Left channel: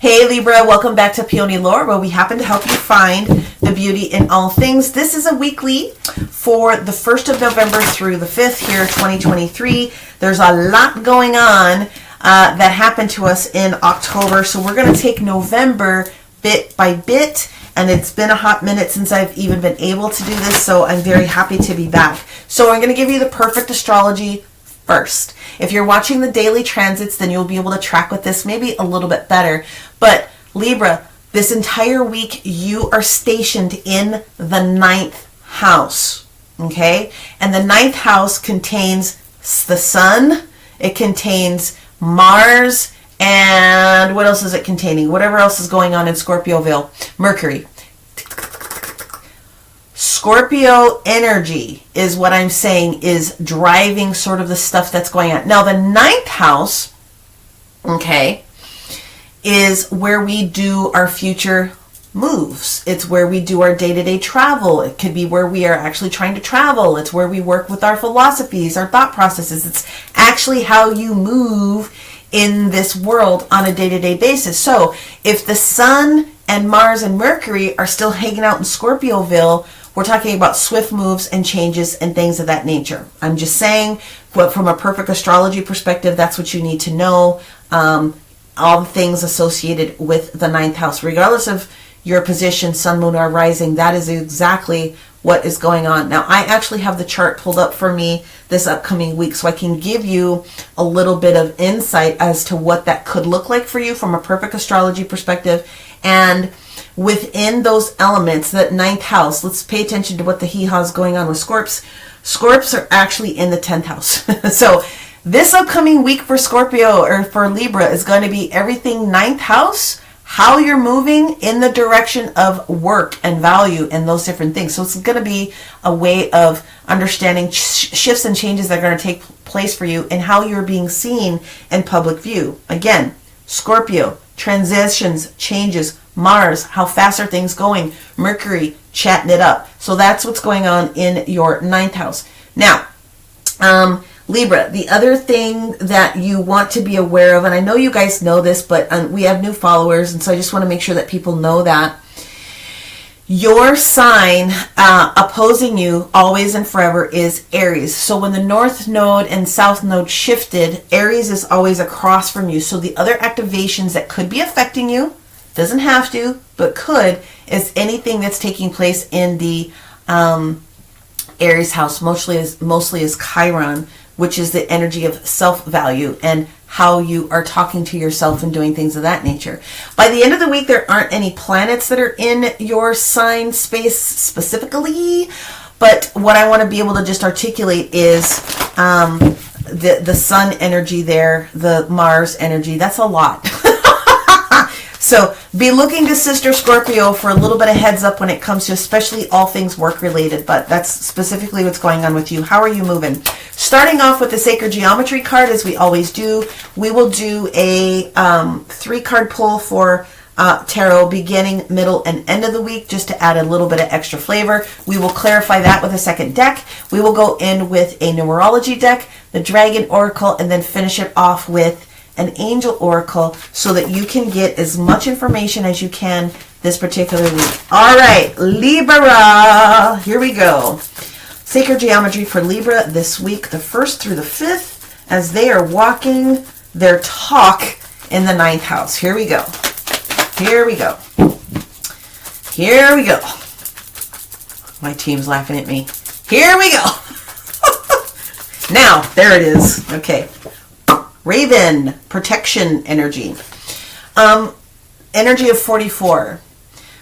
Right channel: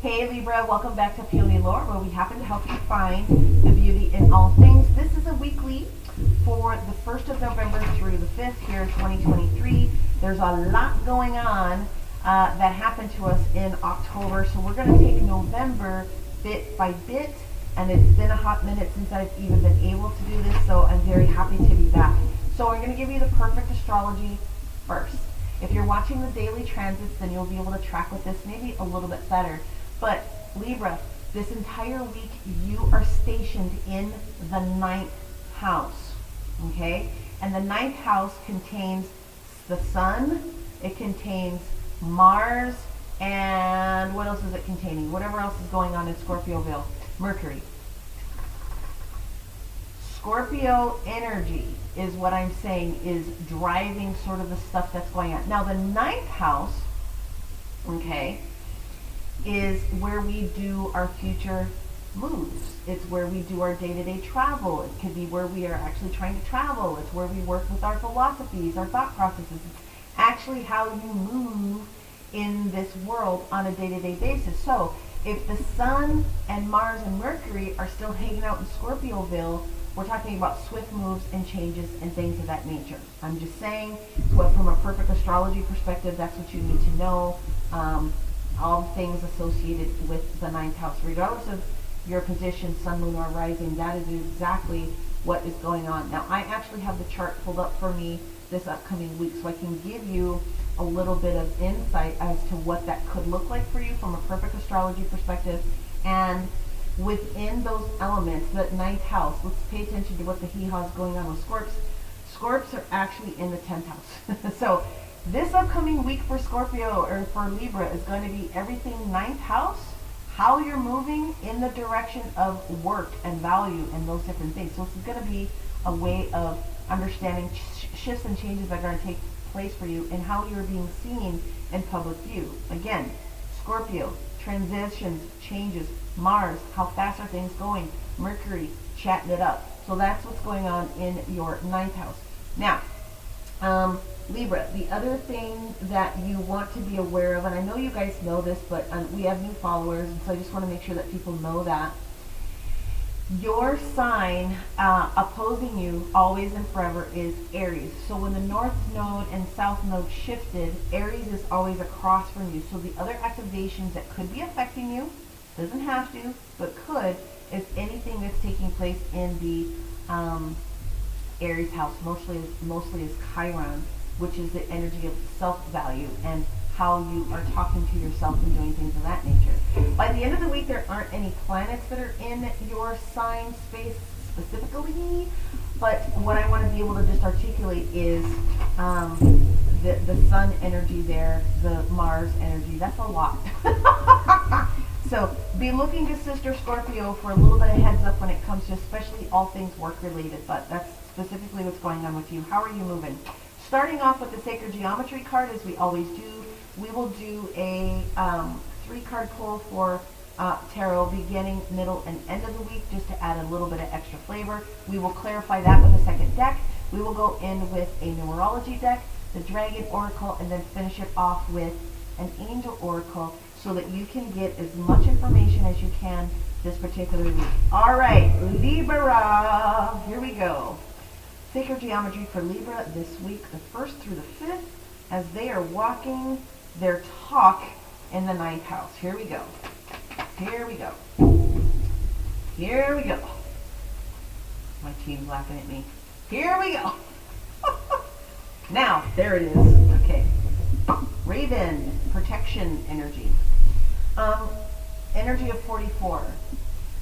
Hey Libra, welcome back to Peony Lore, where we happen to help you find the beauty in all things. This is a weekly for the 1st of November through the 5th here, 2023. There's a lot going on that happened to us in October, so we're going to take November bit by bit, and it's been a hot minute since I've even been able to do this, so I'm very happy to be back. So I'm going to give you the perfect astrology first. If you're watching the daily transits, then you'll be able to track with this maybe a little bit better. But Libra, this entire week you are stationed in the 9th house, okay? And the 9th house contains the sun, it contains Mars, and what else is it containing? Whatever else is going on in Scorpioville. Mercury. Scorpio energy is what I'm saying is driving sort of the stuff that's going on. Now the 9th house, okay, is where we do our future moves. It's where we do our day-to-day travel. It could be where we are actually trying to travel. It's where we work with our philosophies, our thought processes. It's actually how you move in this world on a day-to-day basis. So if the sun and Mars and Mercury are still hanging out in Scorpioville, we're talking about swift moves and changes and things of that nature. I'm just saying, but from a perfect astrology perspective, that's what you need to know. All the things associated with the 9th house, regardless of your position, sun, moon, or rising, that is exactly what is going on. Now, I actually have the chart pulled up for me this upcoming week, so I can give you a little bit of insight as to what that could look like for you from a perfect astrology perspective. And within those elements, that 9th house, let's pay attention to what the hee-haws going on with Scorps. Scorps are actually in the 10th house. So this upcoming week for Scorpio or for Libra is going to be everything 9th house, how you're moving in the direction of work and value and those different things. So it's going to be a way of understanding shifts and changes that are going to take place for you and how you're being seen in public view. Again, Scorpio, transitions, changes, Mars, how fast are things going, Mercury, chatting it up. So that's what's going on in your 9th house. Now, Libra, the other thing that you want to be aware of, and I know you guys know this, but we have new followers, and so I just want to make sure that people know that your sign opposing you always and forever is Aries. So when the North Node and South Node shifted, Aries is always across from you. So the other activations that could be affecting you, doesn't have to, but could, is anything that's taking place in the Aries house, mostly is Chiron, which is the energy of self-value and how you are talking to yourself and doing things of that nature. By the end of the week, there aren't any planets that are in your sign space specifically, but what I want to be able to just articulate is the sun energy there, the Mars energy. That's a lot. So be looking to Sister Scorpio for a little bit of heads up when it comes to especially all things work related, but that's specifically what's going on with you. How are you moving? Starting off with the Sacred Geometry card, as we always do, we will do a 3-card pull for tarot beginning, middle, and end of the week, just to add a little bit of extra flavor. We will clarify that with a second deck. We will go in with a numerology deck, the Dragon Oracle, and then finish it off with an angel oracle so that you can get as much information as you can this particular week. All right, Libra, here we go. Sacred Geometry for Libra this week, the 1st through the 5th, as they are walking their talk in the 9th house. Here we go. Here we go. Here we go. My team's laughing at me. Here we go. Now, there it is. Okay. Raven, protection energy. Energy of 44.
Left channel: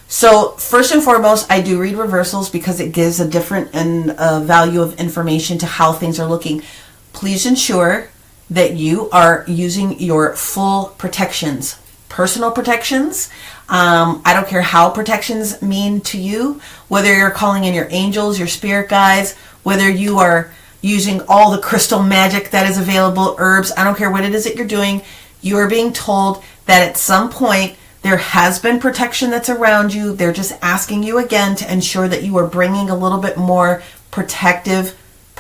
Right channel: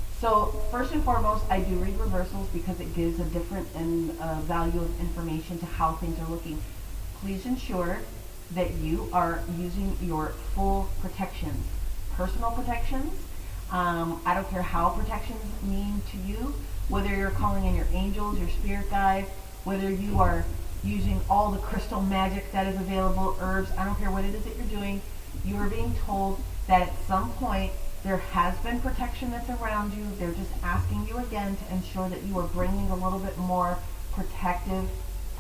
So first and foremost, I do read reversals because it gives a different value of information to how things are looking. Please ensure that you are using your full protections, personal protections. I don't care how protections mean to you, whether you're calling in your angels, your spirit guides, whether you are using all the crystal magic that is available, herbs, I don't care what it is that you're doing, you are being told that at some point there has been protection that's around you. They're just asking you again to ensure that you are bringing a little bit more protective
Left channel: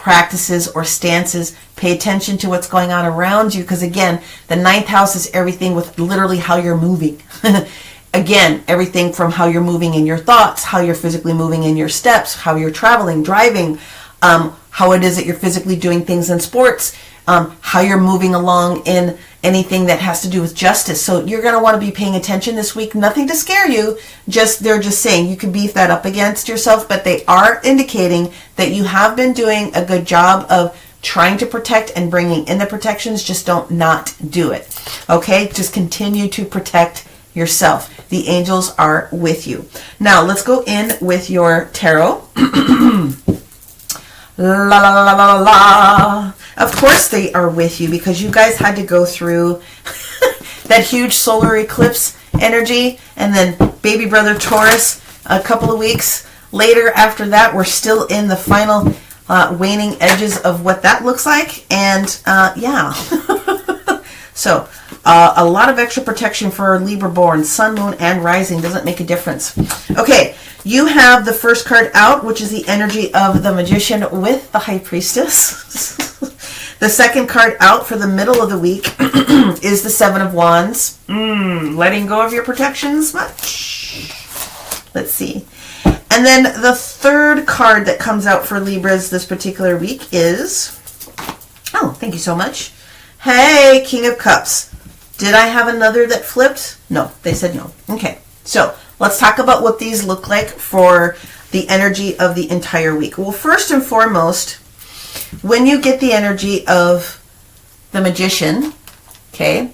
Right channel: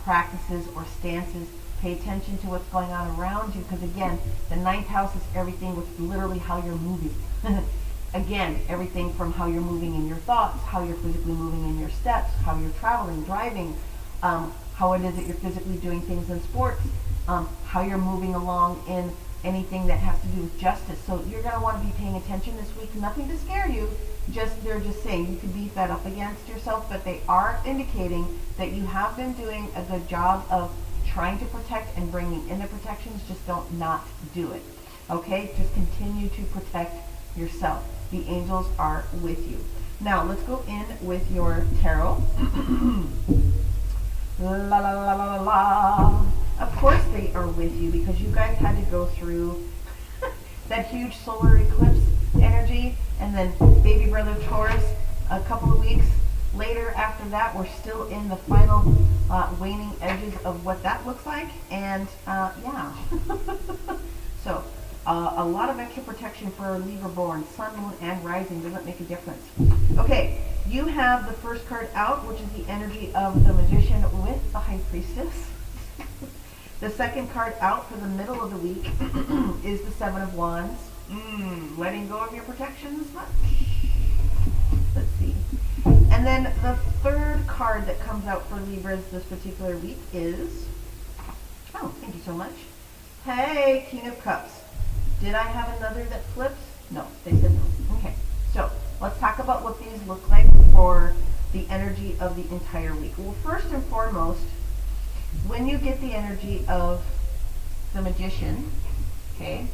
practices or stances. Pay attention to what's going on around you, because again, the ninth house is everything with literally how you're moving. Again, everything from how you're moving in your thoughts, how you're physically moving in your steps, how you're traveling, driving, how it is that you're physically doing things in sports, how you're moving along in anything that has to do with justice. So you're going to want to be paying attention this week. Nothing to scare you. They're just saying you can beef that up against yourself, but they are indicating that you have been doing a good job of trying to protect and bringing in the protections. Just don't not do it. Okay? Just continue to protect yourself. The angels are with you. Now, let's go in with your tarot. La la la la la. Of course they are with you, because you guys had to go through that huge solar eclipse energy, and then baby brother Taurus a couple of weeks later after that. We're still in the final waning edges of what that looks like, and yeah. So a lot of extra protection for Libra born. Sun, moon, and rising doesn't make a difference. Okay, you have the first card out, which is the energy of the Magician with the High Priestess. The second card out for the middle of the week is the Seven of Wands. Letting go of your protections much? Let's see. And then the third card that comes out for Libras this particular week is, oh, thank you so much. Hey, King of Cups. Did I have another that flipped? No, they said no. Okay, so let's talk about what these look like for the energy of the entire week. Well, first and foremost, when you get the energy of the Magician, okay,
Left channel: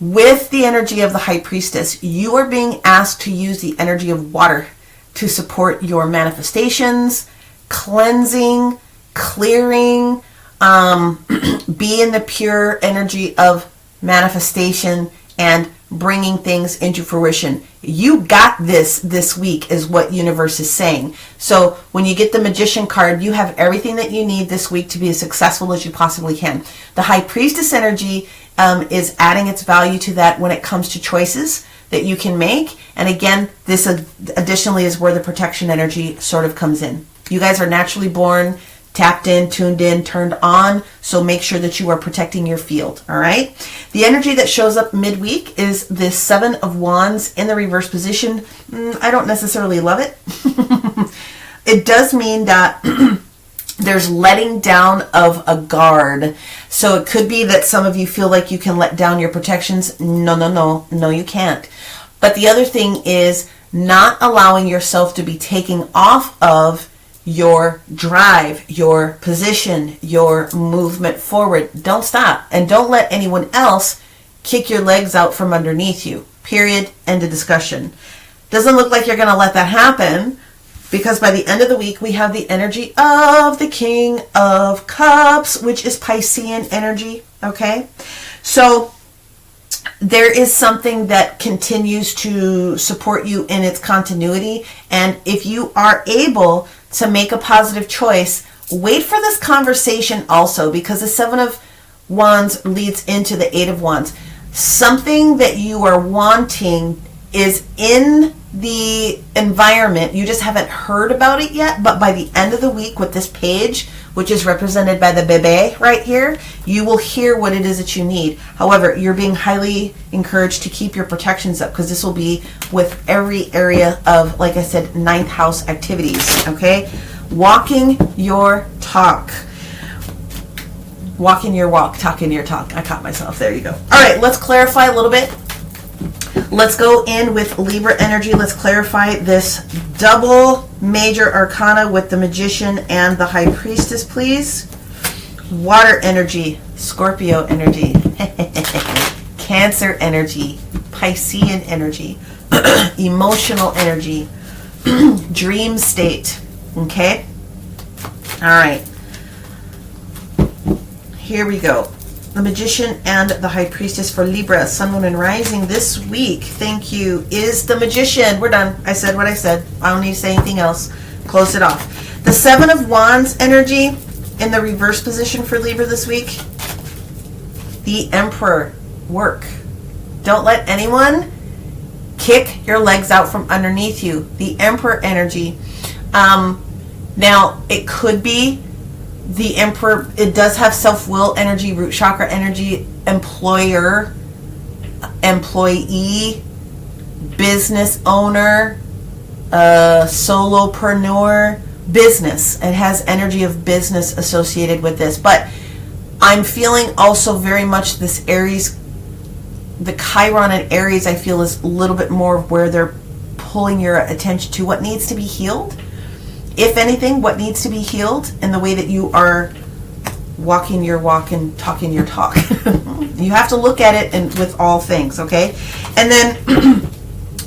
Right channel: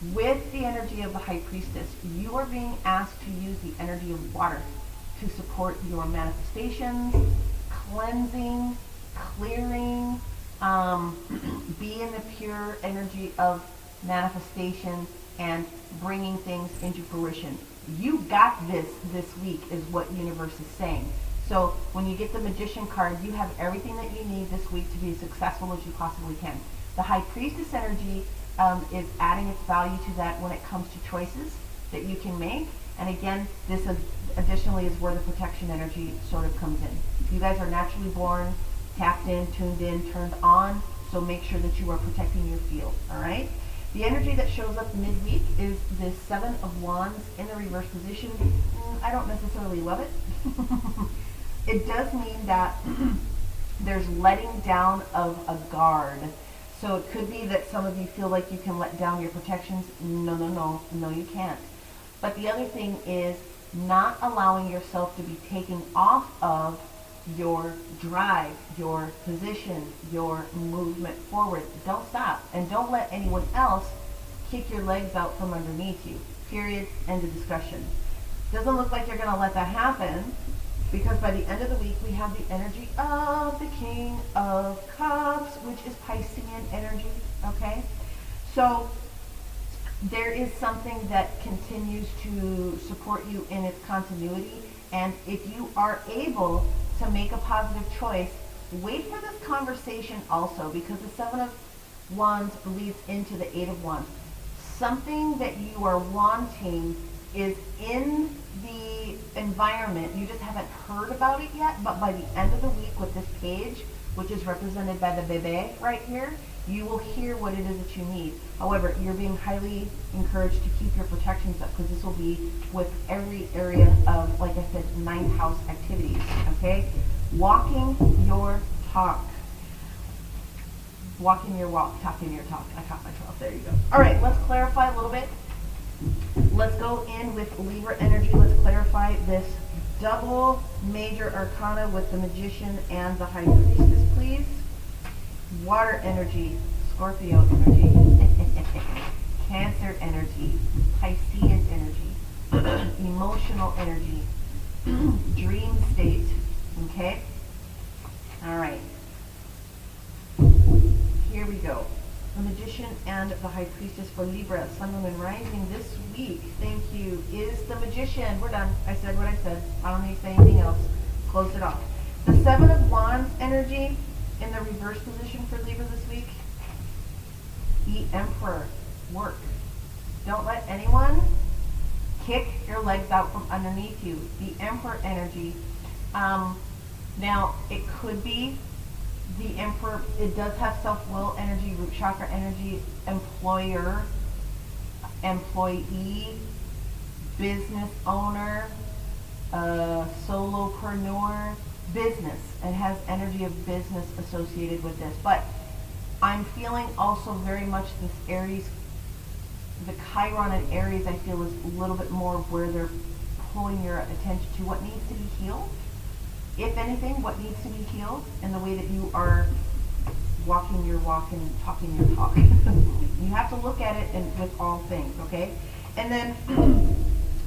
with the energy of the High Priestess, you are being asked to use the energy of water to support your manifestations, cleansing, clearing, be in the pure energy of manifestation and bringing things into fruition. You got this week is what universe is saying. So when you get the Magician card, you have everything that you need this week to be as successful as you possibly can. The High Priestess energy is adding its value to that when it comes to choices that you can make. And again, this additionally is where the protection energy sort of comes in. You guys are naturally born tapped in, tuned in, turned on, so make sure that you are protecting your field, all right? The energy that shows up midweek is the Seven of Wands in the reverse position. I don't necessarily love it. It does mean that there's letting down of a guard. So it could be that some of you feel like you can let down your protections. No, you can't. But the other thing is not allowing yourself to be taking off of your drive, your position, your movement forward. Don't stop. And don't let anyone else kick your legs out from underneath you. Period. End of discussion. Doesn't look like you're going to let that happen, because by the end of the week, we have the energy of the King of Cups, which is Piscean energy. Okay? So there is something that continues to support you in its continuity. And if you are able to make a positive choice, wait for this conversation also, because the Seven of Wands leads into the Eight of Wands. Something that you are wanting is in the environment. You just haven't heard about it yet, but by the end of the week with this page, which is represented by the bébé right here, you will hear what it is that you need. However, you're being highly encouraged to keep your protections up, because this will be with every area of, like I said, ninth house activities, okay? Walking your talk. Walking your walk, talking your talk. I caught myself. There you go. All right, let's clarify a little bit. Let's go in with Libra energy. Let's clarify this double major arcana with the Magician and the High Priestess, please. Water energy, Scorpio energy, Cancer energy, Piscean energy, emotional energy, dream state. Okay? All right. Here we go. The Magician and the High Priestess for Libra, Sun, Moon, and Rising this week. Thank you. Is the Magician. We're done. I said what I said. I don't need to say anything else. Close it off. The Seven of Wands energy in the reverse position for Libra this week. The Emperor work. Don't let anyone kick your legs out from underneath you. The Emperor energy. Now, it could be The Emperor, it does have self-will energy, root chakra energy, employer, employee, business owner, solopreneur, business. It has energy of business associated with this. But I'm feeling also very much this Aries, the Chiron in Aries, I feel is a little bit more where they're pulling your attention to what needs to be healed. If anything, what needs to be healed in the way that you are walking your walk and talking your talk. You have to look at it and with all things, okay? And then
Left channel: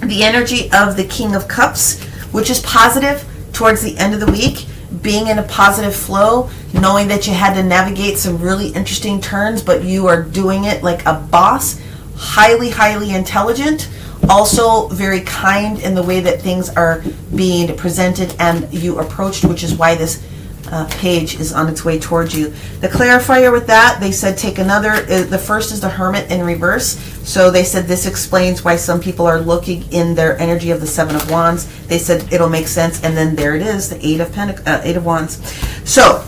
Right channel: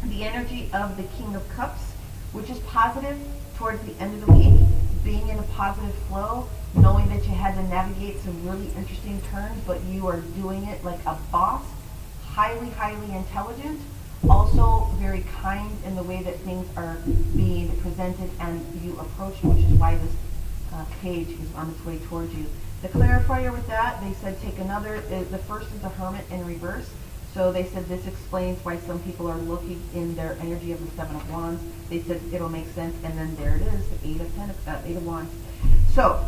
the energy of the King of Cups, which is positive towards the end of the week, being in a positive flow, knowing that you had to navigate some really interesting turns, but you are doing it like a boss, highly, highly intelligent, also very kind in the way that things are being presented and you approached, which is why this page is on its way towards you. The clarifier with that, they said take another, the first is the Hermit in reverse. So they said this explains why some people are looking in their energy of the Seven of Wands. They said it'll make sense. And then there it is, the Eight of Wands. So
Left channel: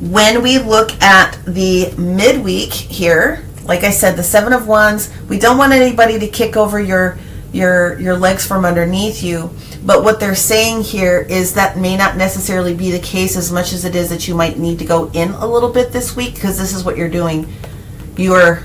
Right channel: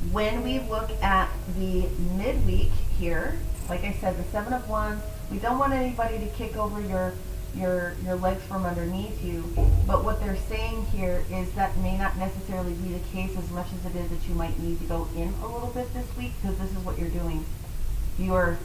when we look at the midweek here, like I said, the Seven of Wands, we don't want anybody to kick over your legs from underneath you. But what they're saying here is that may not necessarily be the case as much as it is that you might need to go in a little bit this week, because this is what you're doing. You're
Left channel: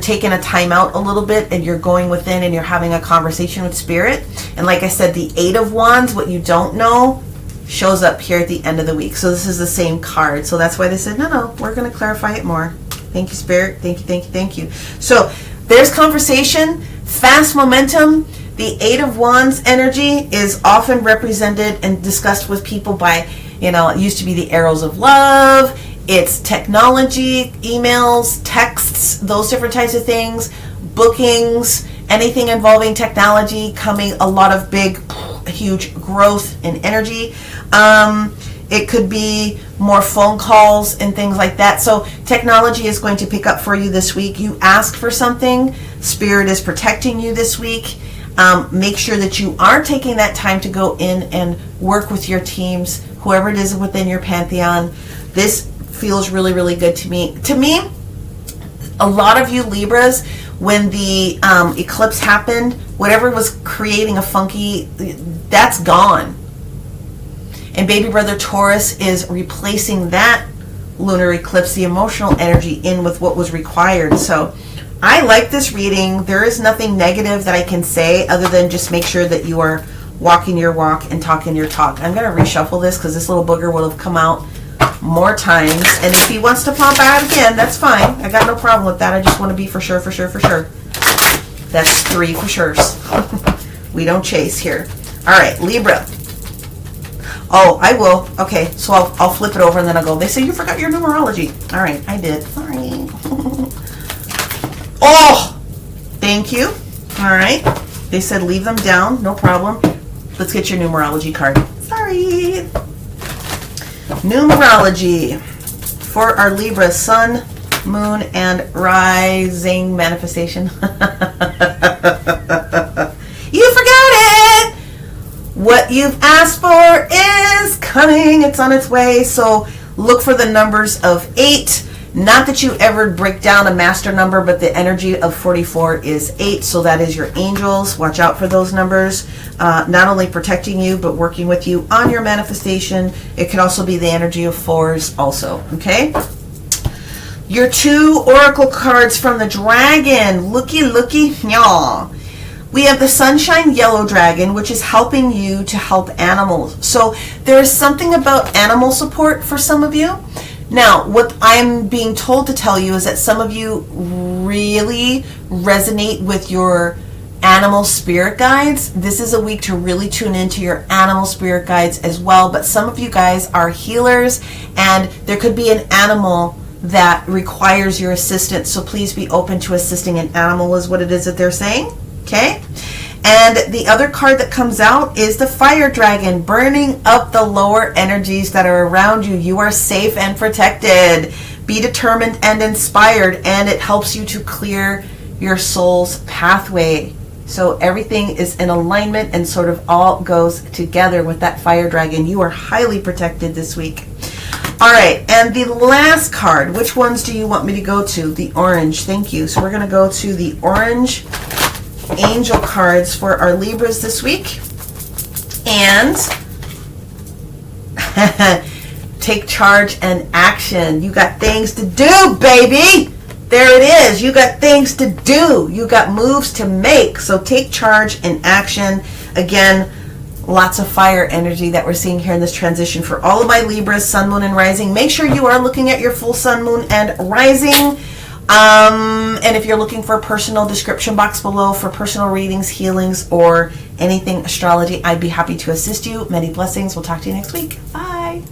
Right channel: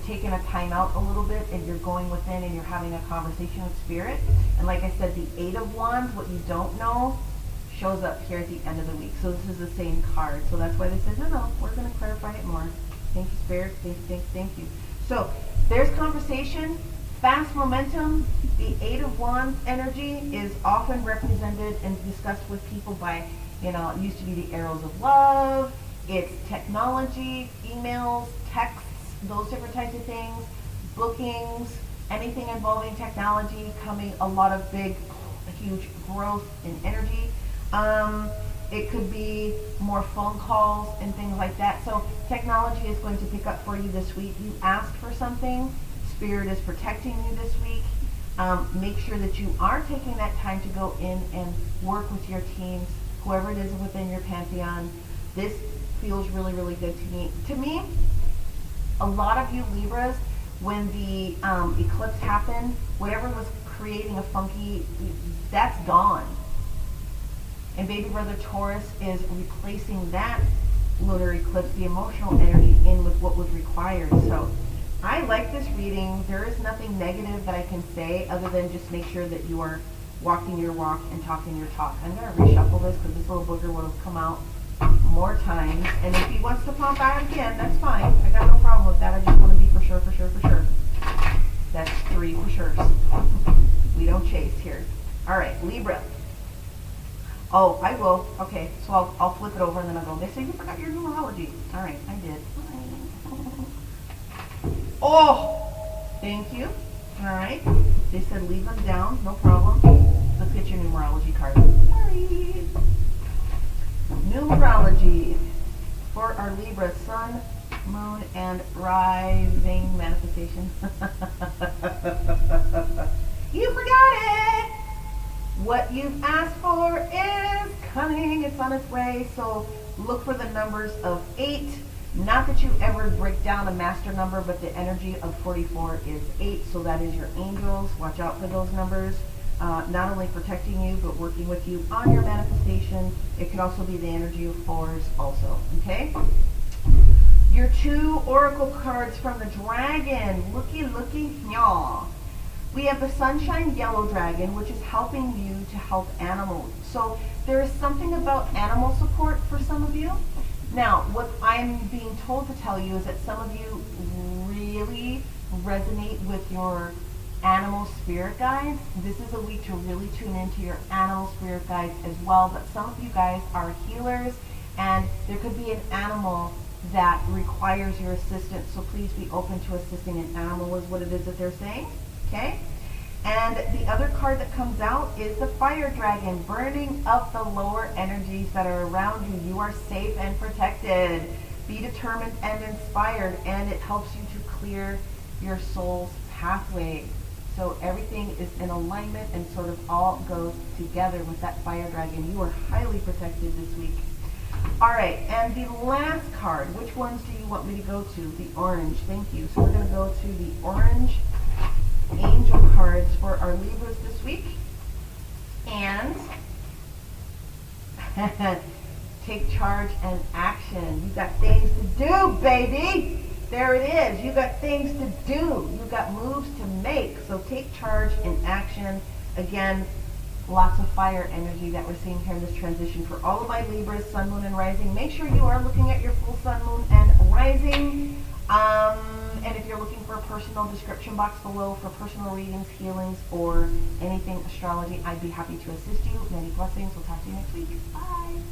taking a time out a little bit and you're going within and you're having a conversation with Spirit. And like I said, the Eight of Wands, what you don't know, shows up here at the end of the week. So this is the same card. So that's why they said, no, we're going to clarify it more. Thank you, Spirit. Thank you, thank you, thank you. So there's conversation, fast momentum. The Eight of Wands energy is often represented and discussed with people by, it used to be the arrows of love. It's technology, emails, texts, those different types of things, bookings, anything involving technology, coming a lot of big, huge growth in energy. It could be more phone calls and things like that. So technology is going to pick up for you this week. You ask for something. Spirit is protecting you this week. Make sure that you are taking that time to go in and work with your teams, whoever it is within your pantheon. This feels really, really good to me. To me, a lot of you Libras, when the eclipse happened, whatever was creating a funky, that's gone. And baby brother Taurus is replacing that lunar eclipse, the emotional energy, in with what was required. So I like this reading. There is nothing negative that I can say other than just make sure that you are walking your walk and talking your talk. I'm going to reshuffle this because this little booger will have come out more times. And if he wants to pop out again, that's fine. I got no problem with that. I just want to be for sure, for sure, for sure. That's 3 for sure's. We don't chase here. All right, Libra. Oh, I will. Okay, so I'll flip it over and then I'll go. They say you forgot your numerology. All right, I did. Sorry. Oh, thank you. All right. They said leave them down. No problem. Let's get your numerology card. Sorry. Numerology for our Libra Sun, Moon, and Rising manifestation. You forgot it. What you've asked for is coming. It's on its way. So look for the numbers of 8. Not that you ever break down a master number, but the energy of 44 is 8. So that is your angels. Watch out for those numbers. Not only protecting you, but working with you on your manifestation. It can also be the energy of 4s also. Okay? Your 2 oracle cards from the dragon. Looky, yaw. We have the Sunshine Yellow Dragon, which is helping you to help animals. So there's something about animal support for some of you. Now, what I'm being told to tell you is that some of you really resonate with your animal spirit guides. This is a week to really tune into your animal spirit guides as well. But some of you guys are healers, and there could be an animal that requires your assistance. So please be open to assisting an animal is what it is that they're saying. Okay? And the other card that comes out is the Fire Dragon, burning up the lower energies that are around you. You are safe and protected. Be determined and inspired, and it helps you to clear your soul's pathway. So everything is in alignment and sort of all goes together with that fire dragon. You are highly protected this week. All right, and the last card, which ones do you want me to go to? The orange, thank you. So we're going to go to the orange angel cards for our Libras this week. And take charge and action. You got things to do, baby. There it is. You got things to do. You got moves to make. So take charge and action. Again, lots of fire energy that we're seeing here in this transition for all of my Libras, sun, moon, and rising. Make sure you are looking at your full sun, moon, and rising. And if you're looking for a personal description box below for personal readings, healings, or anything astrology, I'd be happy to assist you. Many blessings. We'll talk to you next week. Bye.